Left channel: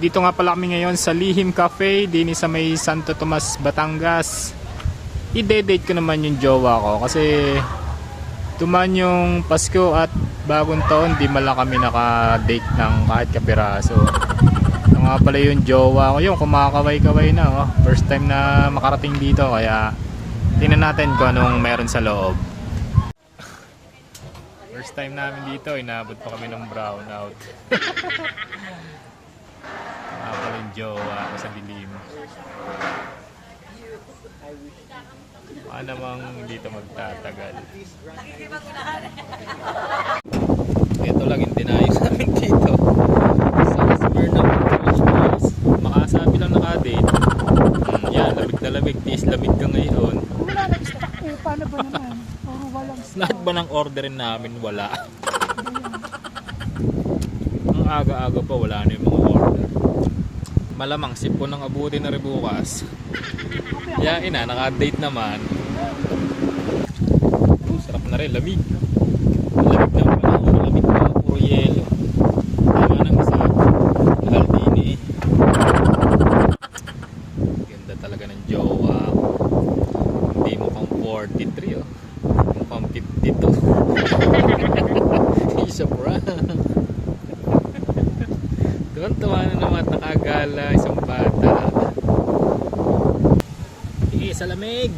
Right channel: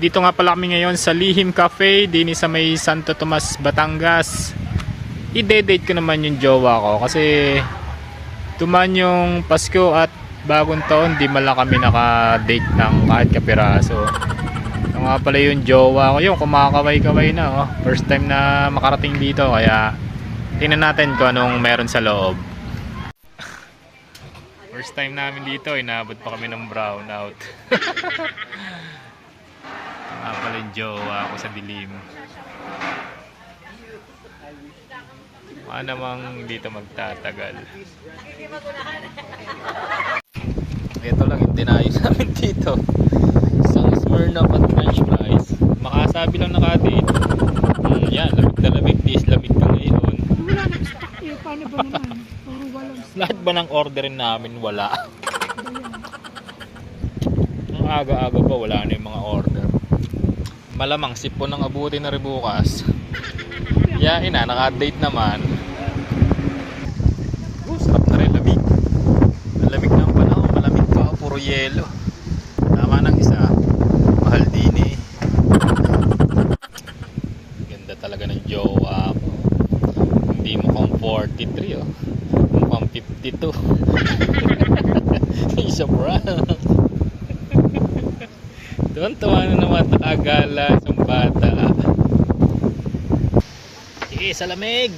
Dito nga pala kami ngayon sa Lihim Cafe, din sa may Santo Tomas, Batangas. I-date ko naman yung jowa ko kasi tuman yung Pasko at bagong taon, di mala kami naka-date ng kahit kapiraso. Ito nga pala yung jowa ko, yung kumakaway-kaway na. Oh. First time na makarating dito, kaya tingnan natin kung anong meron sa loob. First time namin dito, inabot pa kami ng brownout. Nga pala yung jowa ko sa dilim. Baka namang dito magtatagal. Ito lang yung dinayos namin dito. Sa Smirnoff at French Boys. Makasabi lang nakadate. Mm, yan, lamig na lamig. Tiis lamig ka ngayon. Wala nang stock eh. Paano ba naman? Puro walang stock. Lahat ba ng orderin namin wala? Ang aga-aga pa wala na yung mga order. Malamang sipon ng abuti na rin bukas. Yain na, naka-date naman. Oh, sarap na rin, lamig. Lamig na ang panahon, malamig pa, puro yelo. Tama ng isa, mahal din eh. Ganda talaga ng jowa. Hindi mo kang 43 oh. Mukhang 52. Isa brown. Tuwan-tuwa na naman at nakagala isang bata. Sige, sa lamig.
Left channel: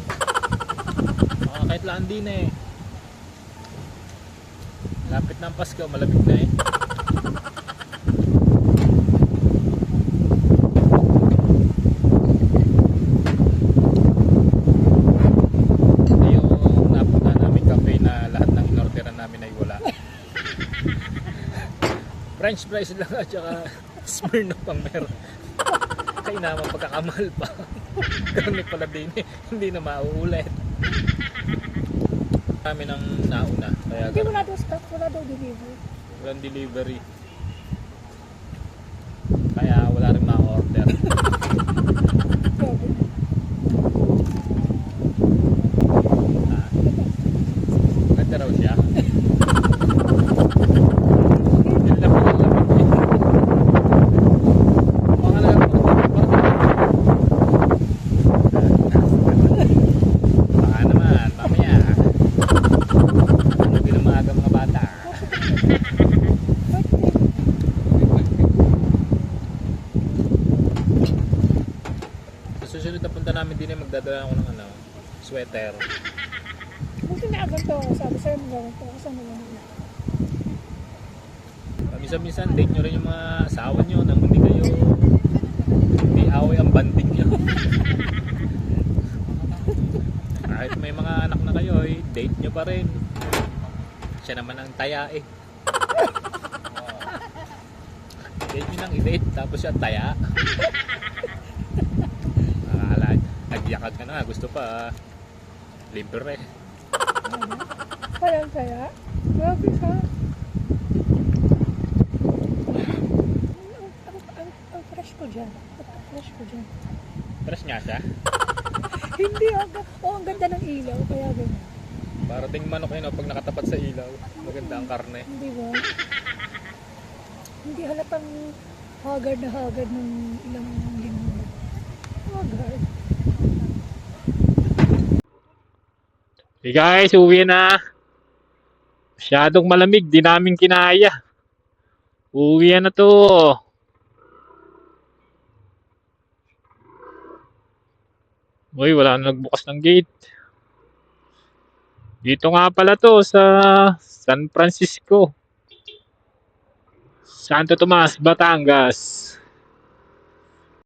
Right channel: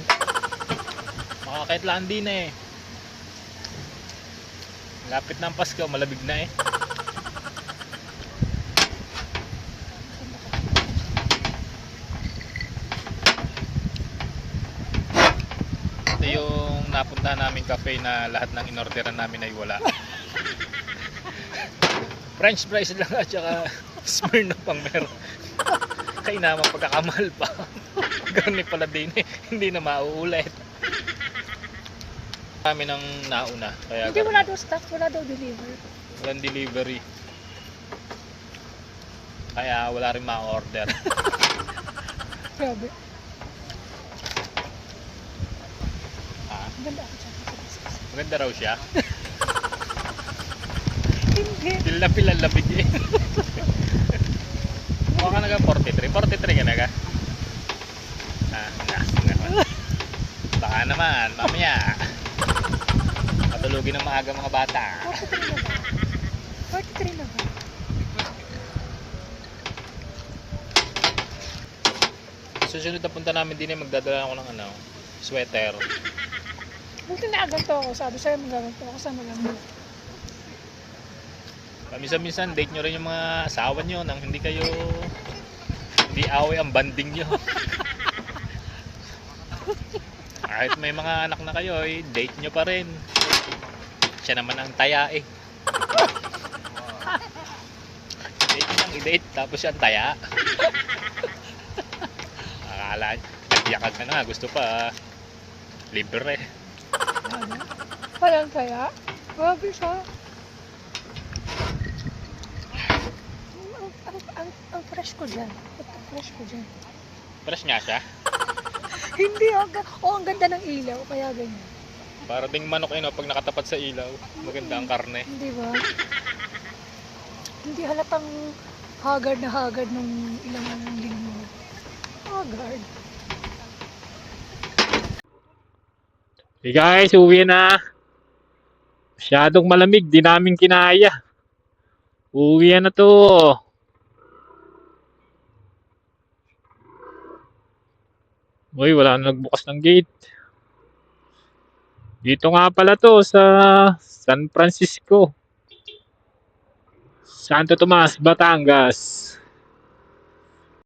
Baka kahit lang din eh. Lapit na ang Pasko, malamig na eh. Ito yung napunta namin cafe na lahat ng inorderan namin ay wala. French fries lang at saka Smirnoff ang meron. Kaya naman pagkakamahal pa. Ganun pala din eh. Hindi na mauulit. Kami ng nauna. Kaya Hindi wala daw stock. Wala daw deliver. walang delivery. Kaya wala rin ma-order. Grabe. Ganda raw siya. Okay. Lalapit-lalapit eh. Mukha na nga 43. 43 ka na ka. Ah, nasong na ba? Baka naman, mamaya. Matulogin ng maaga mga bata. 43 na ba? Susunod na punta namin din ay magdadala ako ng ano, sweater. Buti na ganito ako. Sabi sa'yo magaganto ako. Lang mo. Paminsan-minsan, date nyo rin yung mga asawa nyo nang hindi kayo hindi away ang banding nyo. Kahit may mga anak na kayo, eh, date nyo pa rin. Siya naman ang taya eh. date lang i-date, tapos siya taya. Akala, nagyakag ka na, gusto pa. Libre. Walang kaya. Grabe siya. Ang, ang, ang, ang fresh ko dyan. Ang fresh ko dyan. Fresh nga siya. Hindi, ang, oh, ang ganda ng ilaw. Kaya ganyan. Para ding manok yun, oh, pag nakatapat sa ilaw. Maganda ang karne. Hindi ba? Hindi halatang haggard na haggard nung ilang linggo. Haggard. Hey guys, uwi na. Masyadong malamig, di namin kinaya. Uwi na to. Uy, wala na nagbukas ng gate. Dito nga pala to sa San Francisco. Santo Tomas, Batangas.